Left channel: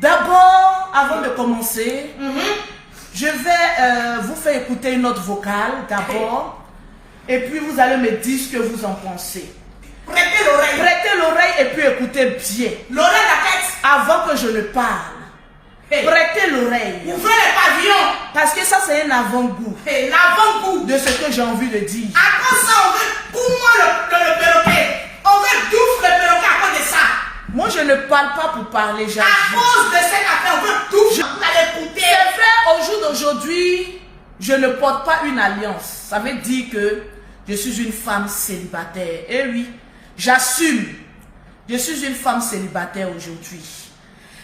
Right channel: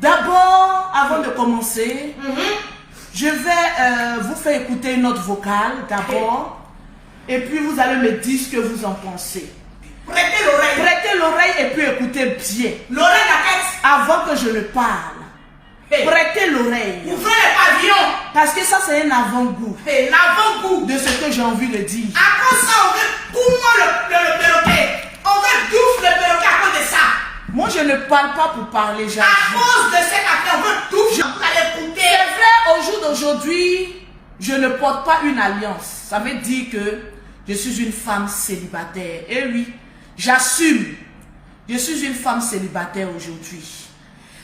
D'abord, avant de commencer, je vais vous faire écouter une note vocale d'abord. Et puis vous allez me dire ce que vous en pensez. Prêtez l'oreille. Prêtez l'oreille et puis écoutez bien. L'oreille, la tête. Avant que je ne parle. Hey. Prêtez l'oreille. Ouvrez les pavillons. Parce que ça, c'est un avant-goût Hey, l'avant-goût. de ce que j'ai envie de dire. Après ça, on veut pour moi le perroquet. On veut douce le perroquet à cause de ça. Moi, je ne parle pas pour parler, À j'avoue. cause de cette affaire, on veut douce. Vous allez écouter. C'est vrai, au jour d'aujourd'hui, je ne porte pas une alliance. Ça veut dire que je suis une femme célibataire. Et oui, j'assume. Je suis une femme célibataire aujourd'hui.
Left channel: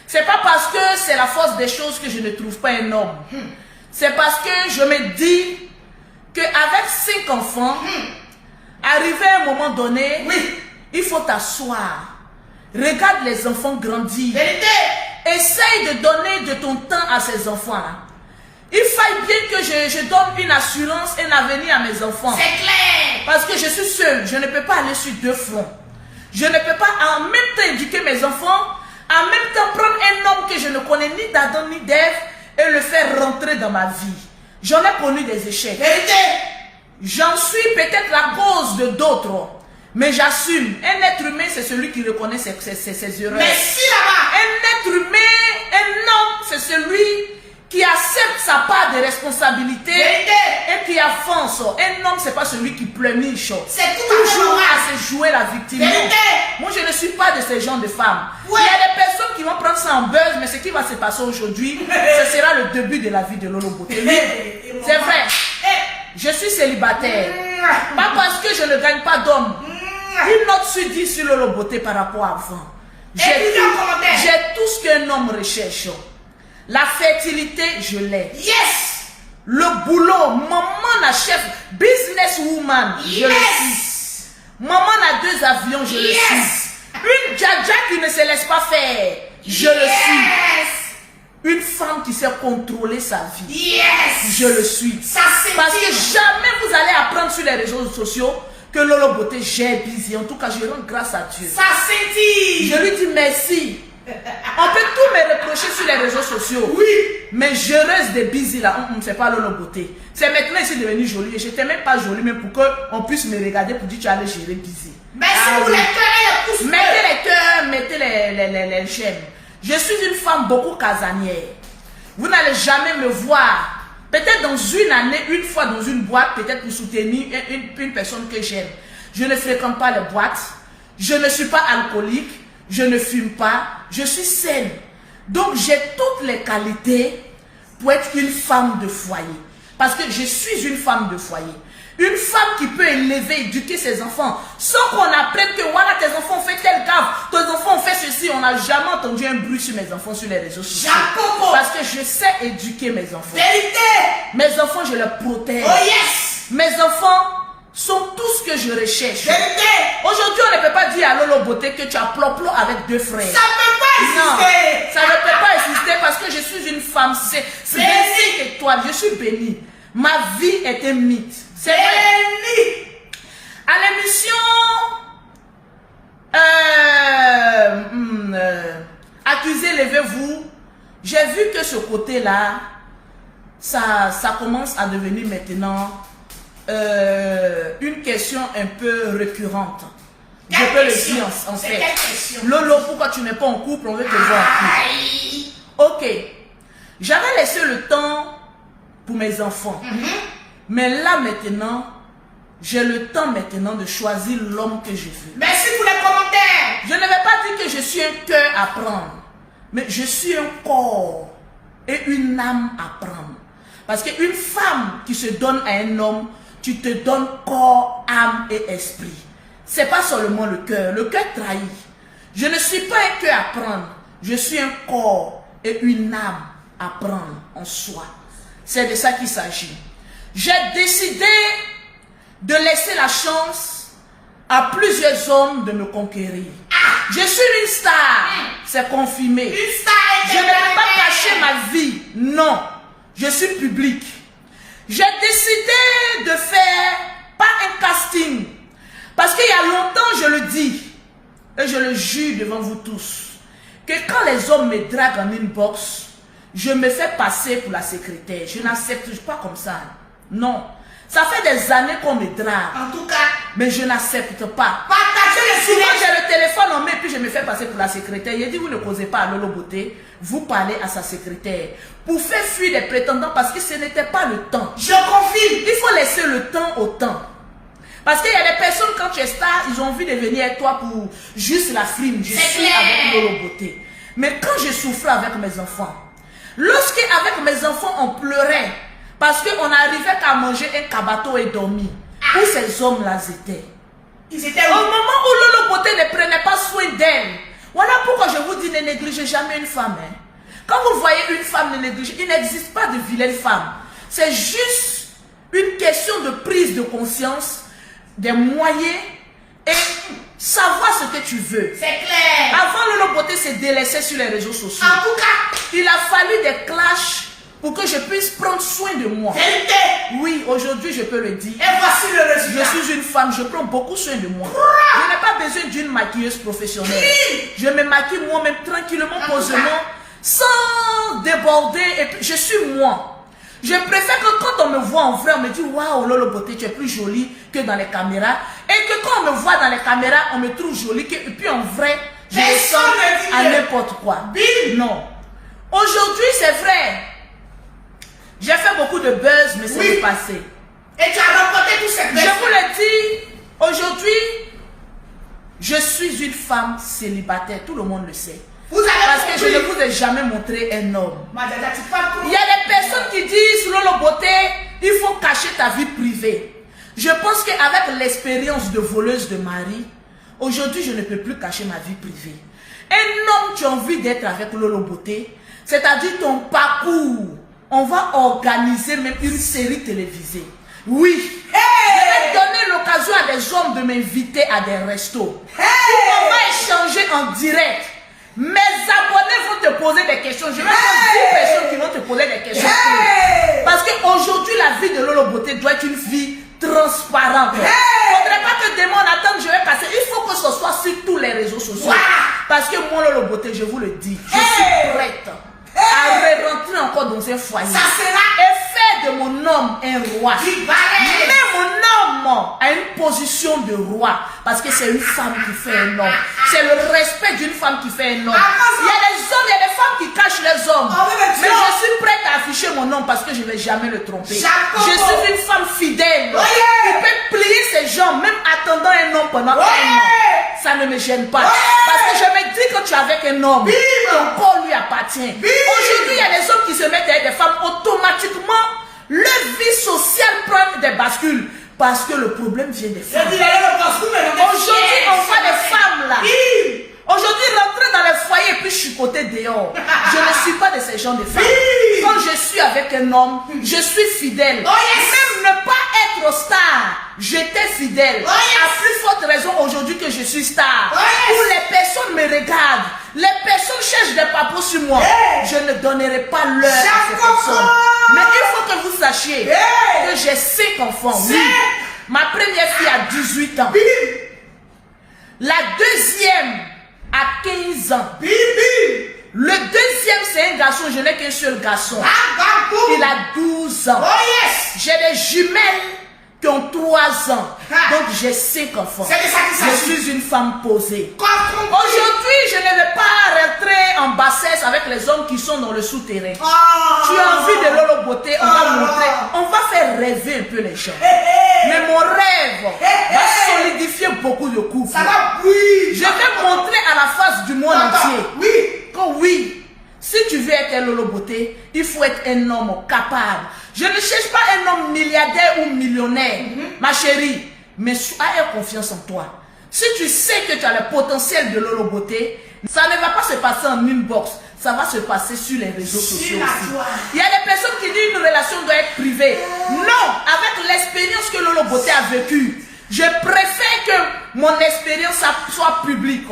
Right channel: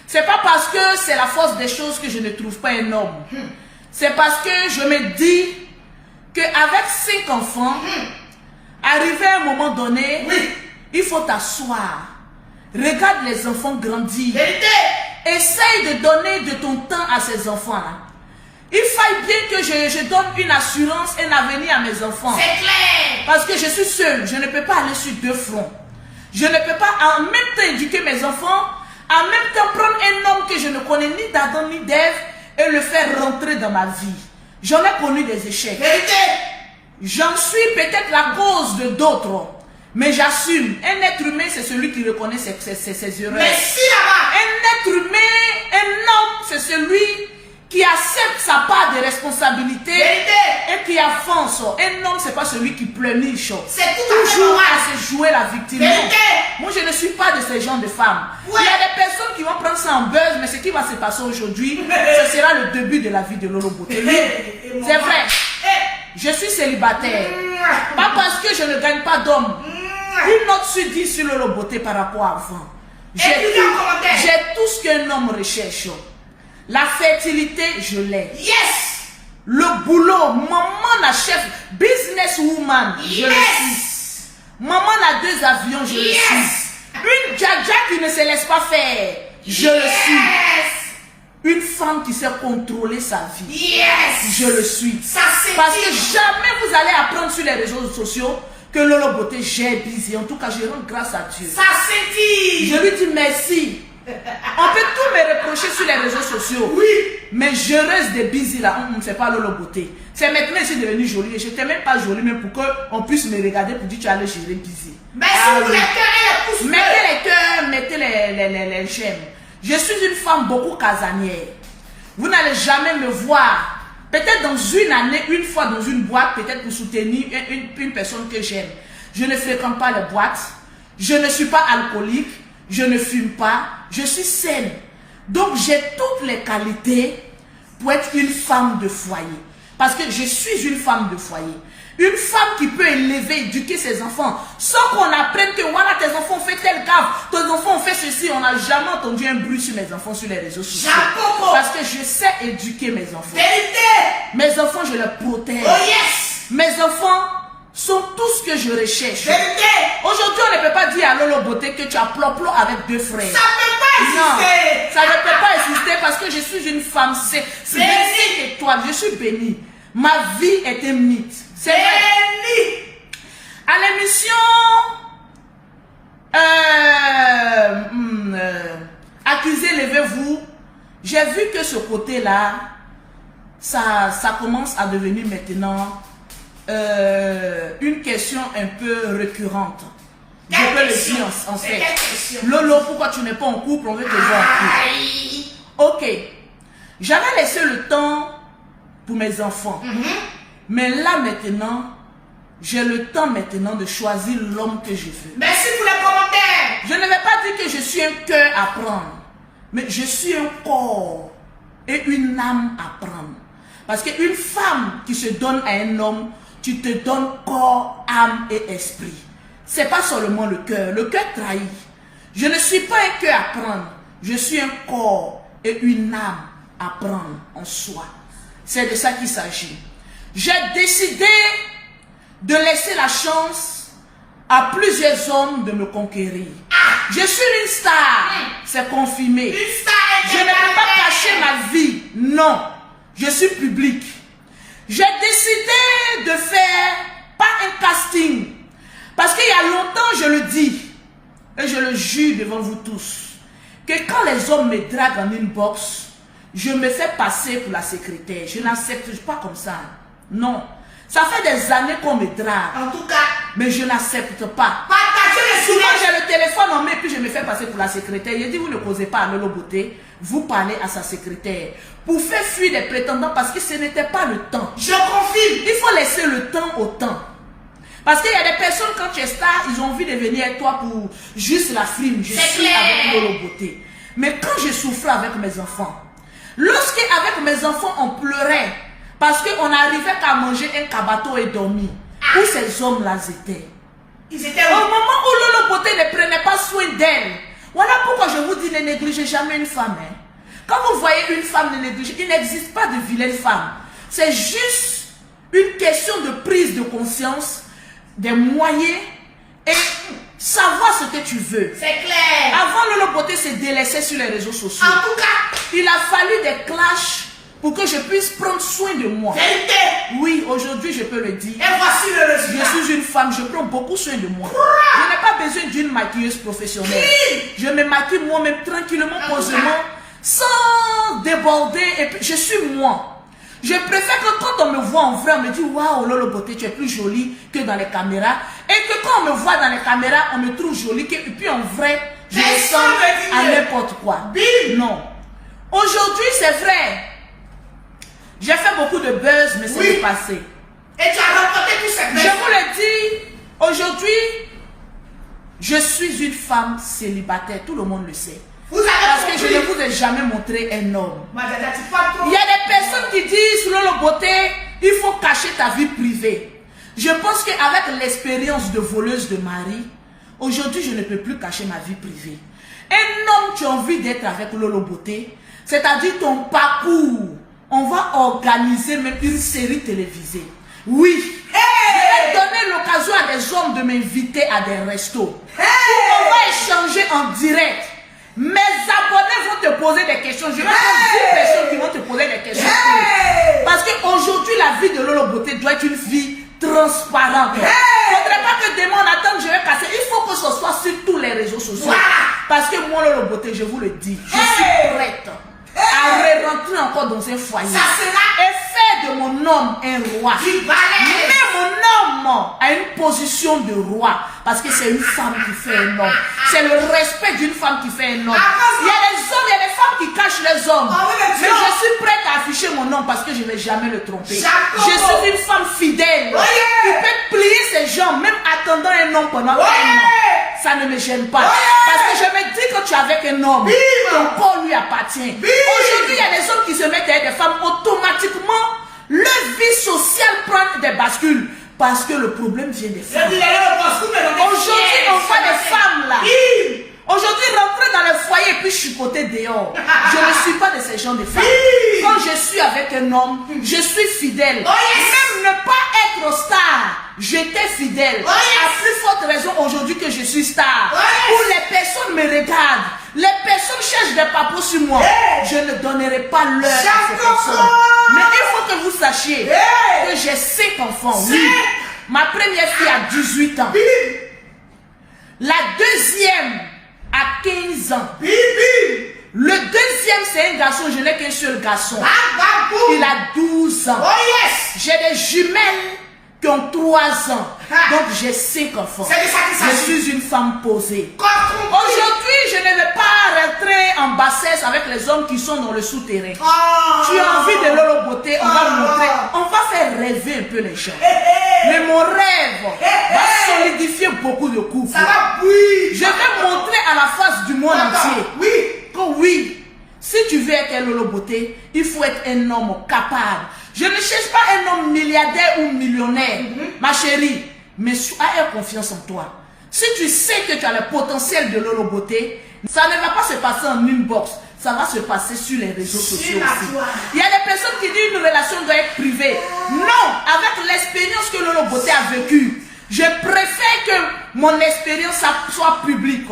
C'est pas parce que c'est la force des choses que je ne trouve pas un homme. C'est parce que je me dis qu'avec 5 enfants, arrivé à un moment donné, il faut t'asseoir. Regarde les enfants grandir. Vérité. Essaye de donner de ton temps à ces enfants-là. Il faille bien que je donne une assurance, un avenir à mes enfants. C'est clair. Parce que je suis seule, je ne peux pas aller sur 2 fronts. Je ne peux pas en même temps éduquer mes enfants, en même temps prendre un homme que je ne connais ni d'Adam ni d'Ève et le faire rentrer dans ma vie. J'en ai connu des échecs. Vérité. J'en suis peut-être la cause de d'autres. Mais j'assume, un être humain, c'est celui qui reconnaît ses erreurs. Merci là-bas. Un être humain, un homme, c'est celui qui accepte sa part de responsabilité. Vérité. Et qui avance. Un homme, c'est pas celui qui pleurniche. C'est tout à fait Toujours normal. à se jouer la victime. Vérité. Non. Moi, je ne suis pas de ce genre de femme. Ouais. Il y a des personnes qui vont prendre ça en buzz, mais ce qui va se passer aujourd'hui, ce sera le début de la vie de Lolo Beauté. C'est vrai. Je suis célibataire. Pas parce que je ne gagne pas d'homme. Une note sur 10 sur Lolo Beauté par rapport à avant. J'ai tout ce qu'un homme recherche. La fertilité, je l'ai. Yes. Le boulot, maman la chef, businesswoman, je le suis. Maman a 2 avions, je le suis. Une djaja qui ne se laisse pas faire, je le suis. Une femme qui sait contrôler sa vie, je le suis. Ça, parce que jamais vous allez apprendre sur les réseaux sociaux que Lolo Beauté j'ai busy. En tout cas, je rends grâce à Dieu. Ça s'étire. Je lui dis merci. On peut tout me reprocher sur les réseaux sociaux. Oui. Mais je reste des busy là. C'est pas Lolo Beauté. C'est maintenant ici devenu joli. Et je n'étais même pas jolie, mais pour qu'on puisse me regarder pour dire que tu allais gérer busy. Merci pour les cœurs et les pouces. Mettez les cœurs, mettez les j'aime. Je suis une femme beaucoup casanière. Vous n'allez jamais me voir. Peut-être dans une année, une fois dans une boîte, peut-être pour soutenir une personne que j'aime. Je ne fréquente pas les boîtes. Je ne suis pas alcoolique. Je ne fume pas. Je suis saine. Donc j'ai toutes les qualités pour être une femme de foyer. Parce que je suis une femme de foyer. Une femme qui peut élever, éduquer ses enfants, sans qu'on apprenne que voilà, tes enfants ont fait telle gaffe, tes enfants ont fait ceci. On n'a jamais entendu un bruit sur mes enfants sur les réseaux sociaux. Parce que je sais éduquer mes enfants. Vérité. Mes enfants, je les protège. Oh yes. Mes enfants sont tout ce que je recherche. Vérité. Aujourd'hui, on ne peut pas dire à Lolo Beauté que tu as plop-plop avec 2 frères. Ça peut pas exister. Non, ça ne peut pas exister parce que je suis une femme. C'est 5 étoiles. Je suis bénie. Ma vie est un mythe. C'est vrai. À l'émission Accusé, levez-vous, j'ai vu que ce côté-là, ça commence à devenir maintenant une question un peu récurrente. Je peux le dire en fait. Lolo, pourquoi tu n'es pas en couple? On veut te voir en couple. Ok. J'avais laissé le temps pour mes enfants. Mais là maintenant, j'ai le temps maintenant de choisir l'homme que je veux. Merci pour les commentaires. Je ne vais pas dire que je suis un cœur à prendre. Mais je suis un corps et une âme à prendre. Parce qu'une femme qui se donne à un homme, tu te donnes corps, âme et esprit. C'est pas seulement le cœur. Le cœur trahit. Je ne suis pas un cœur à prendre. Je suis un corps et une âme à prendre en soi. C'est de ça qu'il s'agit. J'ai décidé de laisser la chance à plusieurs hommes de me conquérir. Je suis une star. C'est confirmé. Une star. Je ne vais pas cacher ma vie. Non. Je suis public. J'ai décidé de faire pas un casting. Parce qu'il y a longtemps, je le dis, et je le jure devant vous tous, que quand les hommes me draguent en inbox, je me fais passer pour la secrétaire. Je n'accepte pas comme ça. Non. Ça fait des années qu'on me drague. En tout cas, mais je n'accepte pas. Partagez le Souvent, silence. j'ai le téléphone en main et puis je me fais passer pour la secrétaire. Il dit, vous ne causez pas à Lolo Beauté, vous parlez à sa secrétaire. Pour faire fuir les prétendants parce que ce n'était pas le temps. Je confirme. Il faut laisser le temps au temps. Parce qu'il y a des personnes, quand tu es star, ils ont envie de venir avec toi pour juste la frime. Je suis avec Lolo Beauté. Mais quand je souffrais avec mes enfants, lorsque avec mes enfants on pleurait, parce qu'on n'arrivait qu'à manger un cabato et dormir, où ces hommes-là étaient. Ils étaient Au moment où Lolo Beauté ne prenait pas soin d'elle, voilà pourquoi je vous dis ne négligez jamais une femme. Hein. Quand vous voyez une femme ne négliger, il n'existe pas de vilaine femme. C'est juste une question de prise de conscience, des moyens et savoir ce que tu veux. C'est clair. Avant, Lolo Beauté se délaissait sur les réseaux sociaux. En tout cas, Il a fallu des clashs pour que je puisse prendre soin de moi. vérité. Oui, aujourd'hui, je peux le dire. Et voici le résultat. Je suis une femme, je prends beaucoup soin de moi. Je n'ai pas besoin d'une maquilleuse professionnelle. Je me maquille moi-même tranquillement, posément, sans déborder. Et puis, je suis moi. Je préfère que quand on me voit en vrai, on me dit waouh, Lolo Beauté, tu es plus jolie que dans les caméras. Et que quand on me voit dans les caméras, on me trouve jolie. Et puis en vrai, je ressemble à n'importe quoi. Non. Aujourd'hui, c'est vrai. J'ai fait beaucoup de buzz, mais c'est le passé. Et tu as remporté tous ces Je buzz. vous le dis, aujourd'hui, je suis une femme célibataire. Tout le monde le sait. Vous avez Parce que compris. je ne vous ai jamais montré un homme. Madada, tu parles trop. Il y a des personnes qui disent, Lolo Beauté, il faut cacher ta vie privée. Je pense qu'avec l'expérience de voleuse de mari, aujourd'hui, je ne peux plus cacher ma vie privée. Un homme qui a envie d'être avec Lolo Beauté, c'est-à-dire ton parcours, on va organiser même une série télévisée. Oui. Je vais donner l'occasion à des hommes de m'inviter à des restos. On va échanger en direct. Mes abonnés vont te poser des questions. Je vais avoir 10 personnes qui vont te poser des questions. Parce qu'aujourd'hui, la vie de Lolo Beauté doit être une vie transparente. Il ne faudrait pas que demain on attende, je vais passer. Il faut que ce soit sur tous les réseaux sociaux. Voilà. Parce que moi, Lolo Beauté, je vous le dis, je suis prête à rentrer encore dans un foyer. Ça sera. Et faire de mon homme un roi. Du balai. Mais mon homme a une position de roi. Parce que c'est une femme qui fait un homme. C'est le respect d'une femme qui fait un homme. Il y a des hommes, il y a des femmes qui cachent les hommes. Mais je suis prête à afficher mon homme parce que je ne vais jamais le tromper. Je suis une femme fidèle. Qui peut plier ses jambes, même attendant un homme pendant un an. Ça ne me gêne pas. Parce que je me dis que tu es avec un homme. Ton corps lui appartient. Aujourd'hui, il y a des hommes qui se mettent avec des femmes. Automatiquement, leur vie sociale prend des bascules. Parce que le problème vient des femmes. Aujourd'hui, on voit des femmes là. Aujourd'hui, rentrer dans le foyer et puis chicoter dehors. Je ne suis pas de ces gens de femmes. Quand je suis avec un homme, je suis fidèle. Même ne pas être star, j'étais fidèle. À plus forte raison aujourd'hui que je suis star. Où les personnes me regardent. Les personnes cherchent des papos sur moi. Je ne donnerai pas l'heure à ces personnes. Mais il faut que vous sachiez que j'ai 5 enfants. Oui. Ma première fille a 18 ans. La deuxième a 15 ans. Le deuxième, c'est un garçon. Je n'ai qu'un seul garçon. Il a 12 ans. J'ai des jumelles qui ont 3 ans. Donc j'ai 5 enfants. Je suis une femme posée. Aujourd'hui, je ne vais pas rentrer en bassesse avec les hommes qui sont dans le souterrain. Tu as envie de Lolo Beauté, on va montrer. On va faire rêver un peu les gens. Mais mon rêve va solidifier beaucoup de couples. Je vais montrer à la face du monde entier. Oh oui, si tu veux être Lolo Beauté, il faut être un homme capable. Je ne cherche pas un homme milliardaire ou millionnaire, ma chérie, mais aie confiance en toi. Si tu sais que tu as le potentiel de Lolo Beauté, ça ne va pas se passer en inbox, ça va se passer sur les réseaux sociaux aussi. Il y a des personnes qui disent une relation doit être privée. Non, avec l'expérience que Lolo Beauté a vécue, je préfère que mon expérience soit publique.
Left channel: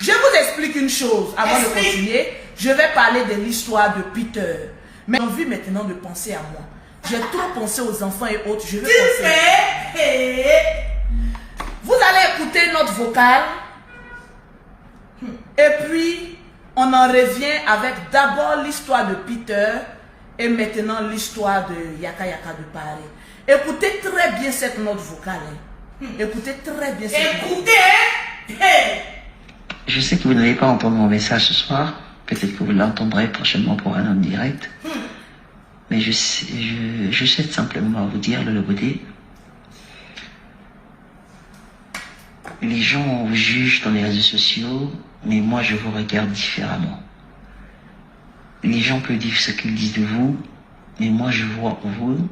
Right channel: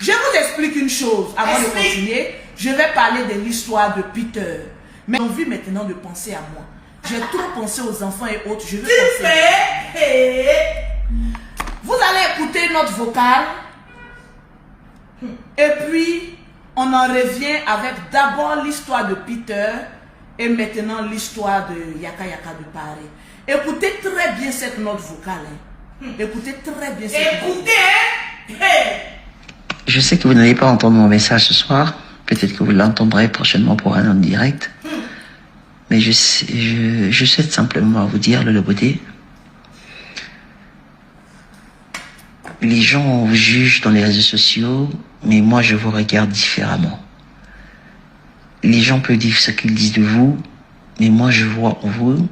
Je vous explique une chose avant de continuer. Je vais parler de l'histoire de Peter. Mais j'ai envie maintenant de penser à moi. J'ai trop pensé aux enfants et autres. Je vais penser. Vous allez écouter notre vocal. Et puis, on en revient avec d'abord l'histoire de Peter et maintenant l'histoire de Yaka Yaka de Paris. Écoutez très bien cette note vocale. Hein. Écoutez très bien cette note. Écoutez, hein. Hey. Je sais que vous n'allez pas entendre mon message ce soir. Peut-être que vous l'entendrez prochainement pour un autre direct. Mais je souhaite simplement vous dire, le beauté. Les gens vous jugent dans les réseaux sociaux, mais moi je vous regarde différemment. Les gens peuvent dire ce qu'ils disent de vous, mais moi je vois en vous,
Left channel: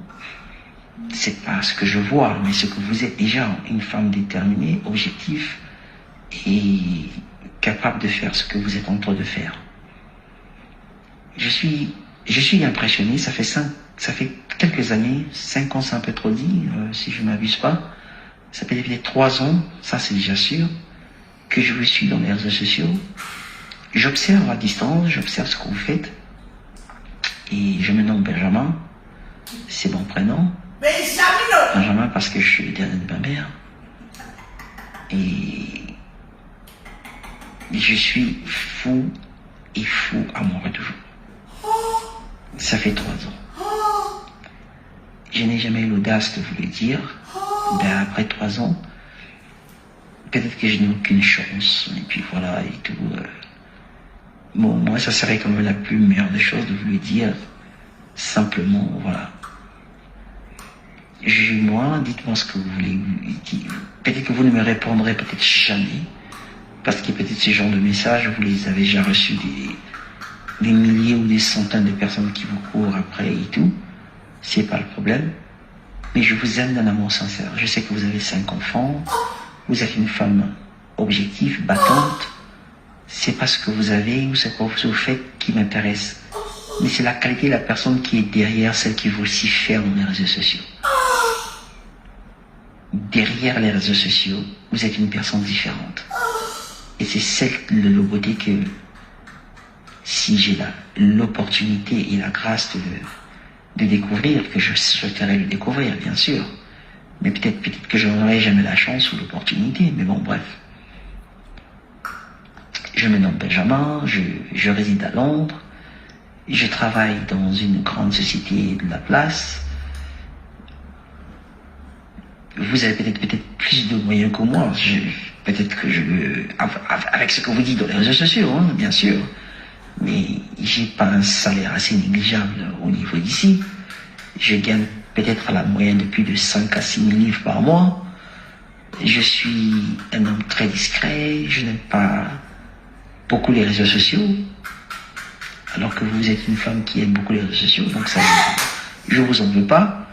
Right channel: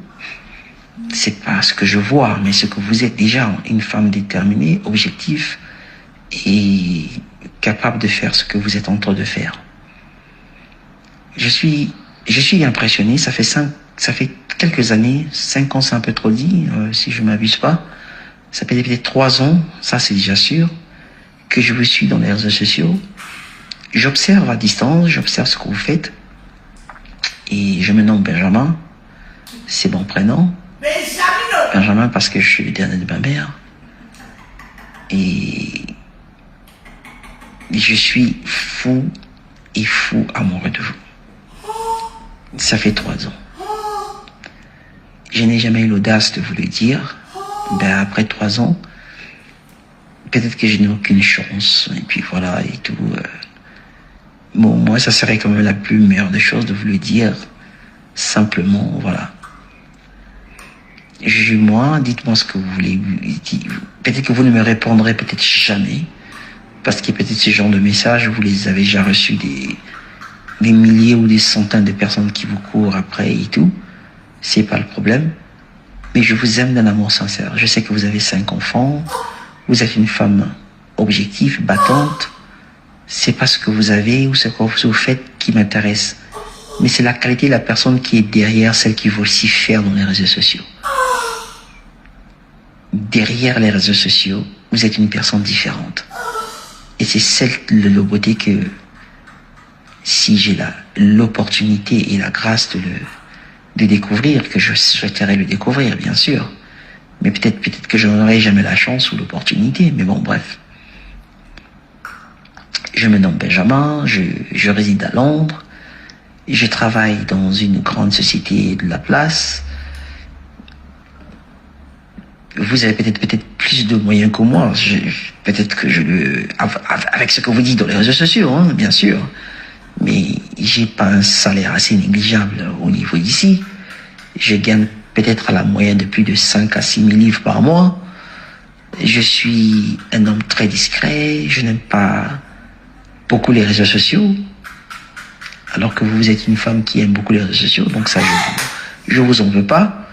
c'est pas ce que je vois, mais ce que vous êtes déjà, une femme déterminée, objective et capable de faire ce que vous êtes en train de faire. Je suis impressionné, ça fait quelques années, 5 ans c'est un peu trop dit, si je ne m'abuse pas. Ça fait peut-être 3 ans, ça c'est déjà sûr, que je vous suis dans les réseaux sociaux. J'observe à distance, j'observe ce que vous faites. Et je me nomme Benjamin, c'est mon prénom. Benjamin parce que je suis le dernier de ma mère. Et je suis fou amoureux de vous. Ça fait 3 ans. Je n'ai jamais eu l'audace de vous le dire. Ben après 3 ans, peut-être que je n'ai aucune chance. Et puis voilà, et tout. Bon, moi, ça serait quand même la plus meilleure des choses de vous le dire. Simplement, voilà. Jugez-moi, dites-moi ce que vous voulez. Peut-être que vous ne me répondrez peut-être jamais. Parce que peut-être ce genre de messages, vous les avez déjà reçus des milliers ou des centaines de personnes qui vous courent après et tout. C'est pas le problème. Mais je vous aime d'un amour sincère. Je sais que vous avez 5 enfants. Vous êtes une femme objective, battante. C'est pas ce que vous avez ou ce que vous faites qui m'intéresse. Mais c'est la qualité de la personne qui est derrière celle qui veut aussi faire dans les réseaux sociaux. Derrière les réseaux sociaux, vous êtes une personne différente. Et c'est celle de la beauté que, si j'ai l'opportunité et la grâce de découvrir, que je souhaiterais le découvrir, bien sûr. Mais peut-être que je n'aurai jamais la chance ou l'opportunité, mais bon, bref. Je me nomme Benjamin, je réside à Londres, je travaille dans une grande société de la place. Vous avez peut-être plus de moyens que moi, peut-être que avec ce que vous dites dans les réseaux sociaux, hein, bien sûr. Mais j'ai pas un salaire assez négligeable au niveau d'ici. Je gagne peut-être à la moyenne de plus de 5 à 6 000 livres par mois. Je suis un homme très discret, je n'aime pas beaucoup les réseaux sociaux. Alors que vous êtes une femme qui aime beaucoup les réseaux sociaux, donc ça, je vous en veux pas.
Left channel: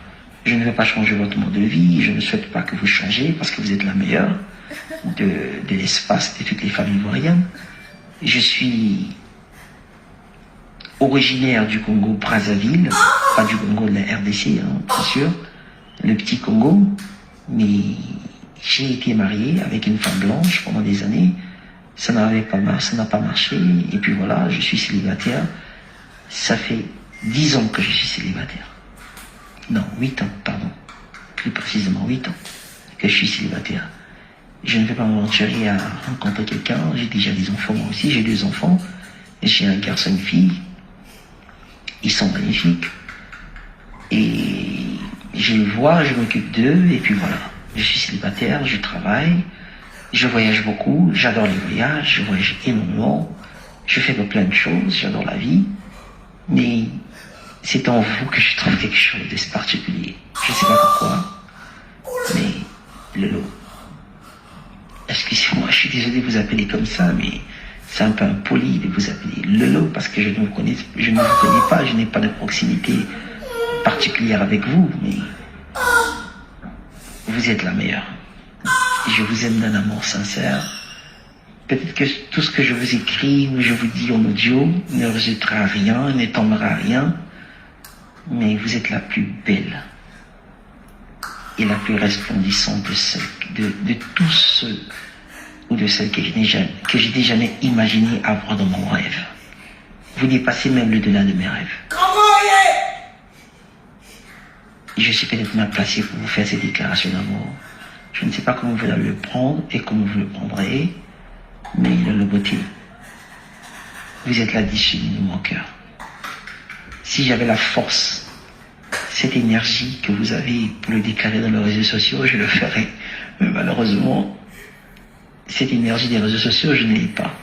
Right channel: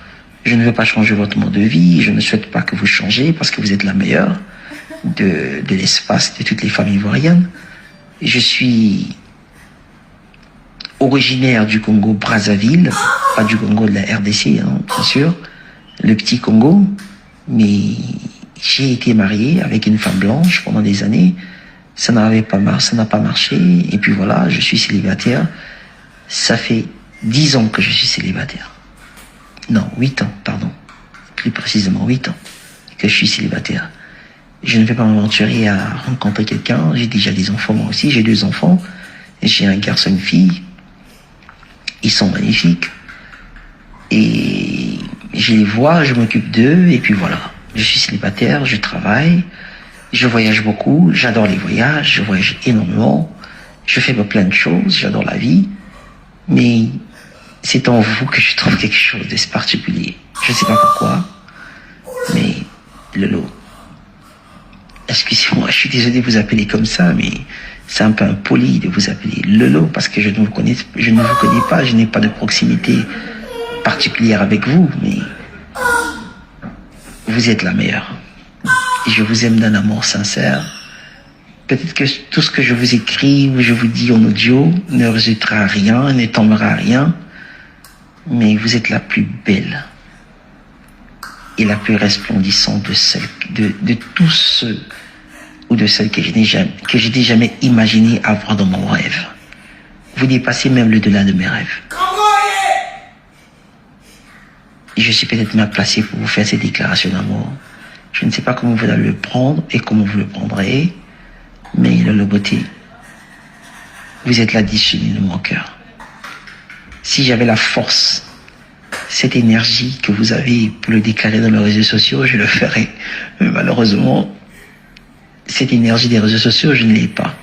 Je ne veux pas changer votre mode de vie, je ne souhaite pas que vous changez parce que vous êtes la meilleure de l'espace de toutes les femmes ivoiriennes. Je suis originaire du Congo Brazzaville, pas du Congo de la RDC, hein, bien sûr, le petit Congo, mais j'ai été marié avec une femme blanche pendant des années, ça n'a pas marché, et puis voilà, je suis célibataire, ça fait 10 ans que je suis célibataire, non, 8 ans, pardon, plus précisément 8 ans que je suis célibataire. Je ne vais pas m'aventurer à rencontrer quelqu'un, j'ai déjà des enfants moi aussi, j'ai 2 enfants, j'ai un garçon et une fille. Ils sont magnifiques. Et je les vois, je m'occupe d'eux, et puis voilà. Je suis célibataire, je travaille, je voyage beaucoup, j'adore les voyages, je voyage énormément, je fais plein de choses, j'adore la vie. Mais c'est en vous que je trouve quelque chose de particulier. Je ne sais pas pourquoi, mais Lolo. Excusez-moi, je suis désolé de vous appeler comme ça, mais c'est un peu impoli de vous appeler Lolo parce que je ne vous connais pas, je n'ai pas de proximité particulière avec vous, mais vous êtes la meilleure. Et je vous aime d'un amour sincère. Peut-être que tout ce que je vous écris ou je vous dis en audio ne résultera à rien, ne tombera à rien, mais vous êtes la plus belle et la plus resplendissante de tous ceux ou de celles que je n'ai jamais imaginé avoir dans mon rêve. Vous dépassez même le delà de mes rêves. Et je suis peut-être mal placé pour vous faire ces déclarations d'amour. Je ne sais pas comment vous allez le prendre et comment vous le prendrez, mais la beauté, Vous êtes la discipline de mon cœur. Si j'avais la force, cette énergie que vous avez pour le déclarer dans les réseaux sociaux, je le ferais. Mais malheureusement, cette énergie des réseaux sociaux, je ne l'ai pas.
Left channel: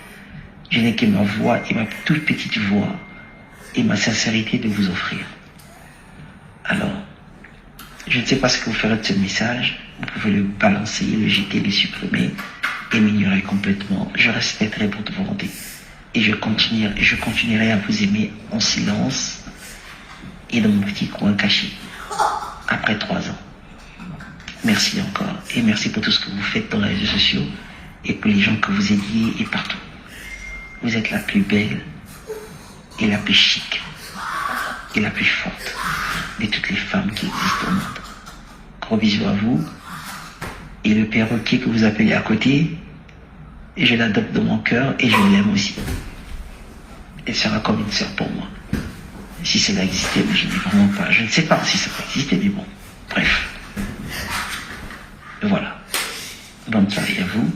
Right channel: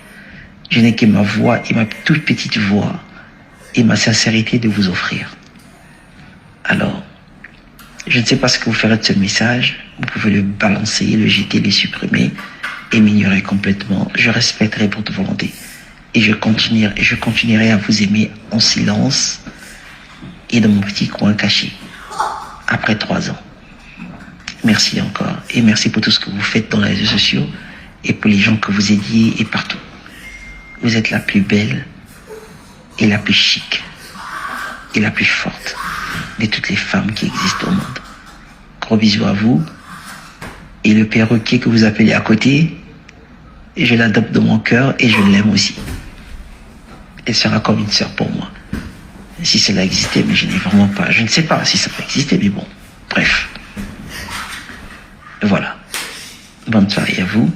Je n'ai que ma voix et ma toute petite voix et ma sincérité de vous offrir. Alors, je ne sais pas ce que vous ferez de ce message. Vous pouvez le balancer, le jeter, le supprimer et m'ignorer complètement. Je respecterai votre volonté. Et je continuerai à vous aimer en silence et dans mon petit coin caché. Après 3 ans. Merci encore. Et merci pour tout ce que vous faites dans les réseaux sociaux et pour les gens que vous aidiez et partout. Vous êtes la plus belle et la plus chic et la plus forte de toutes les femmes qui existent au monde. Gros bisous à vous. Et le perroquet que vous appelez à côté, je l'adopte dans mon cœur et je l'aime aussi. Elle sera comme une sœur pour moi. Si cela existait, mais je n'ai vraiment pas. Je ne sais pas si ça peut exister, mais bon. Bref. Voilà. Bonne soirée à vous.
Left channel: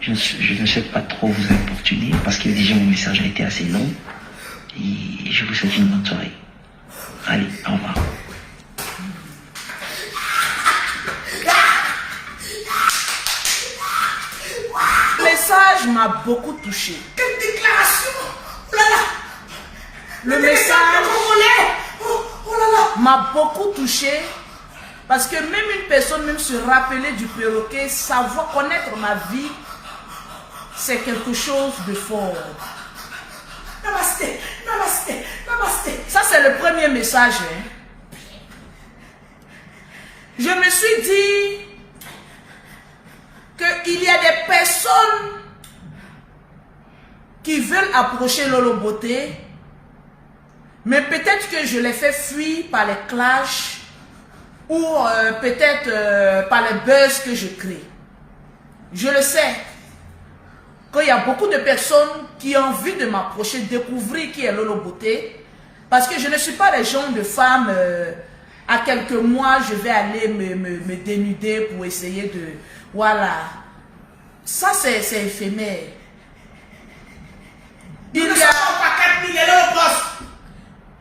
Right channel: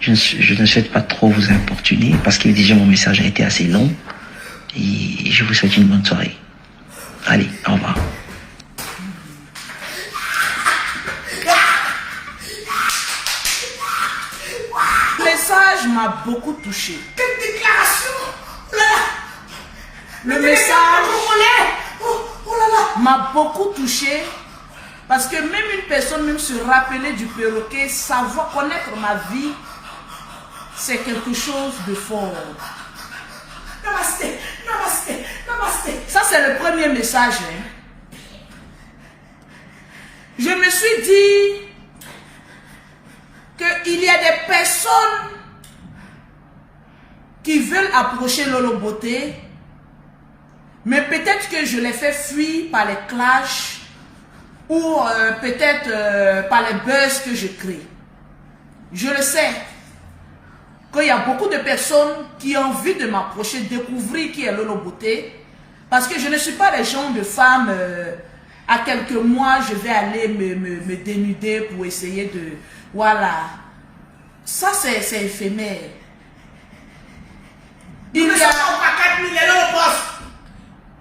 Je ne souhaite pas trop vous importuner parce que déjà mon message a été assez long. Et je vous souhaite une bonne soirée. Allez, au revoir. Le message m'a beaucoup touché. Quelle déclaration! Oh là là! Le message m'a beaucoup touché parce que même une personne, même se rappeler du perroquet, savoir connaître ma vie, c'est quelque chose de fort. Namasté, namasté, namasté. Ça, c'est le premier message. Hein. Je me suis dit qu'il y a des personnes qui veulent approcher Lolo Beauté, mais peut-être que je les fais fuir par les clashs ou peut-être par les buzz que je crée. Je le sais qu'il y a beaucoup de personnes qui ont envie de m'approcher, découvrir qui est Lolo Beauté, parce que je ne suis pas le genre de femme, à quelques mois, je vais aller me dénuder pour essayer de... Voilà. Ça, c'est éphémère. Il y a...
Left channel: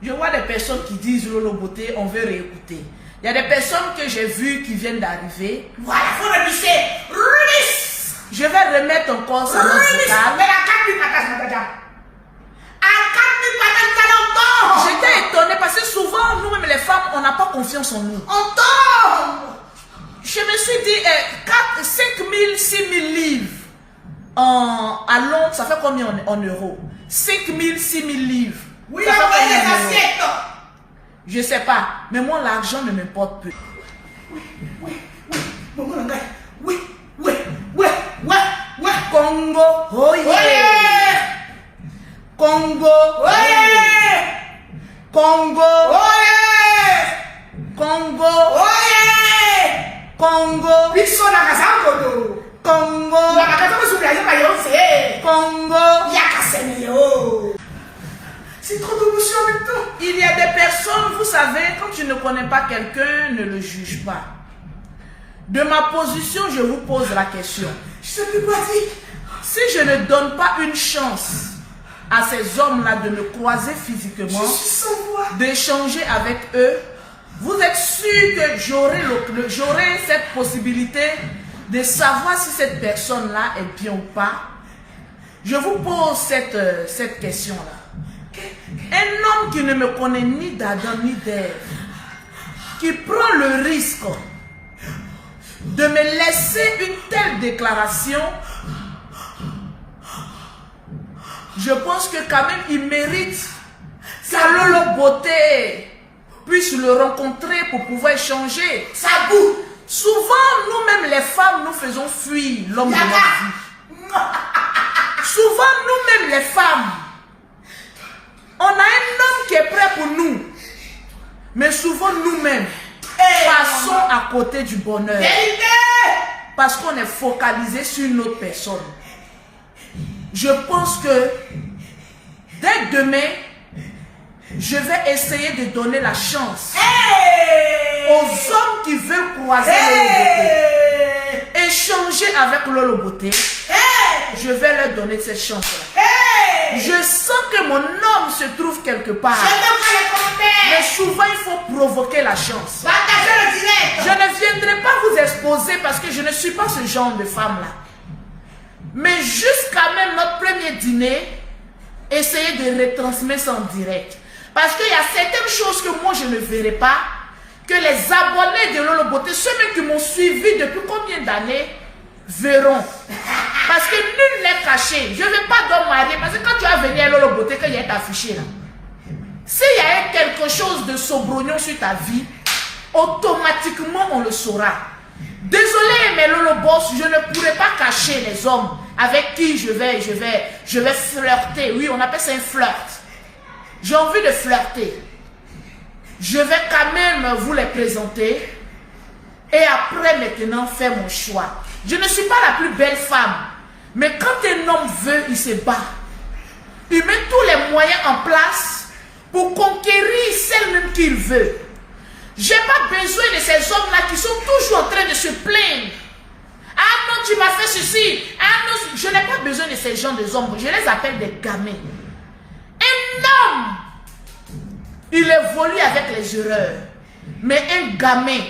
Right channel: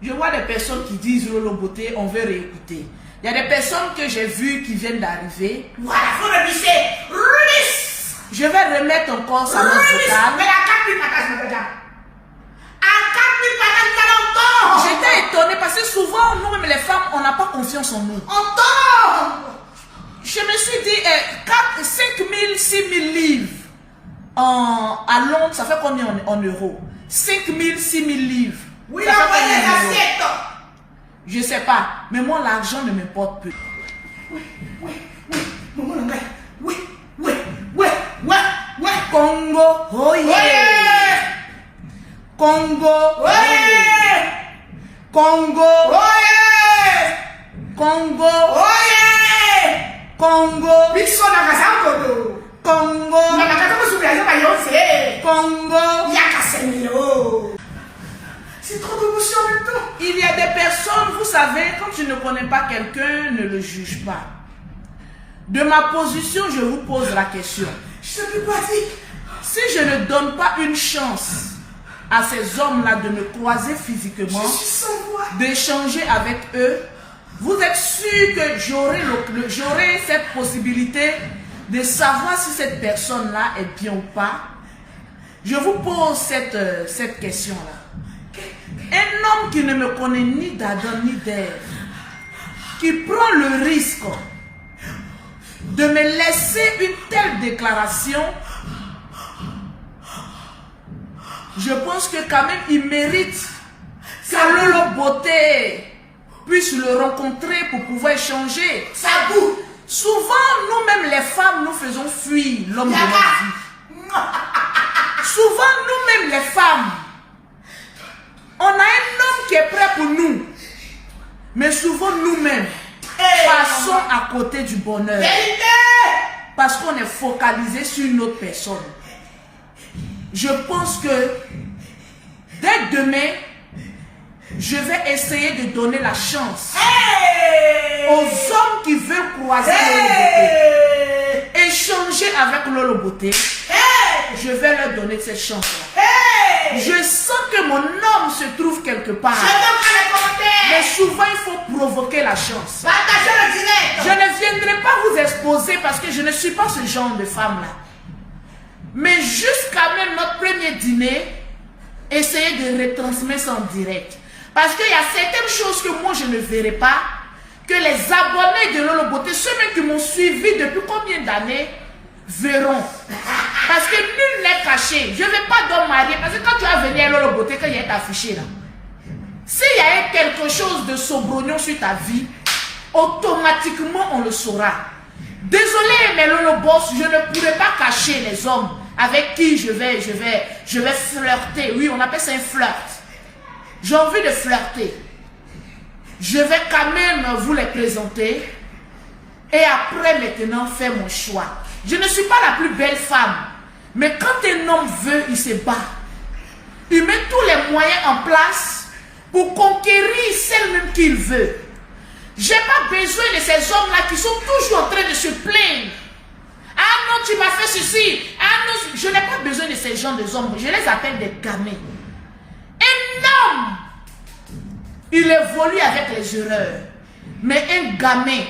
Je vois des personnes qui disent Lolo Beauté, on veut réécouter. Il y a des personnes que j'ai vues qui viennent d'arriver. Voilà, faut le bicher. Je vais remettre encore sa note vocale. Mais à 4000 patates, madame. À 4000 patates, J'étais étonnée parce que souvent, nous-mêmes les femmes, on n'a pas confiance en nous. on tombe. Je me suis dit, 5 000, 6 000 livres à Londres, ça fait combien en euros? 5 000, 6 000 livres. Oui, ça fait envoyez combien en les euros? assiettes. Je ne sais pas, mais moi, l'argent ne m'importe peu. Oui. Congo, oh yeah. Congo, oh yeah. Congo, Oh yeah. Congo, Oh yeah. Congo, Biso na kasangodo. Congo, Na katomo subraja ba yonse. Congo. Yakasemelo. C'est trop d'émotion maintenant. Il y a des personnes, vous savez, quand tu ne connais pas quelqu'un, ne le juge pas. De ma position, je vous pose la question. Je te pas dit. Si je ne donne pas une chance à ces hommes-là de me croiser physiquement, Je suis sans voix. d'échanger avec eux, vous êtes sûr que j'aurai cette possibilité de savoir si cette personne-là est bien ou pas? Je vous pose cette question-là. Un homme qui ne me connaît ni d'Adam ni d'Ève, qui prend le risque de me laisser une telle déclaration, je pense que quand même il mérite que Lolo Beauté puisse le rencontrer pour pouvoir échanger. Ça boue. Souvent, nous-mêmes les femmes, nous faisons fuir l'homme de notre vie. Souvent, nous-mêmes les femmes, on a un homme qui est prêt pour nous. Mais souvent, nous-mêmes, passons à côté du bonheur. Vérité. Parce qu'on est focalisé sur une autre personne. Je pense que dès demain, je vais essayer de donner la chance aux hommes qui veulent croiser Lolo Beauté, échanger avec Lolo Beauté. Je vais leur donner cette chance-là. Je sens que mon homme se trouve quelque part. Je veux voir les commentaires. Mais souvent, il faut provoquer la chance. Partagez le direct. Je ne viendrai pas vous exposer parce que je ne suis pas ce genre de femme-là. Mais jusqu'à même notre premier dîner, essayez de retransmettre ça en direct. Parce qu'il y a certaines choses que moi, je ne verrai pas, que les abonnés de Lolo Beauté, ceux qui m'ont suivi depuis combien d'années, verront. Parce que nul n'est caché. Je ne vais pas donc marier. Parce que quand tu vas venir à Lolo Beauté, quand il y a affiché là, s'il y a quelque chose de saubrognon sur ta vie, automatiquement on le saura. Désolé, mais Lolo Boss, je ne pourrais pas cacher les hommes avec qui je vais flirter. Oui, on appelle ça un flirt. J'ai envie de flirter. Je vais quand même vous les présenter. Et après, maintenant, faire mon choix. Je ne suis pas la plus belle femme. Mais quand un homme veut, il se bat. Il met tous les moyens en place pour conquérir celle-même qu'il veut. Je n'ai pas besoin de ces hommes-là qui sont toujours en train de se plaindre. Ah non, tu m'as fait ceci. Ah non, je n'ai pas besoin de ces gens de hommes. Je les appelle des gamins. Un homme, il évolue avec les erreurs. Mais un gamin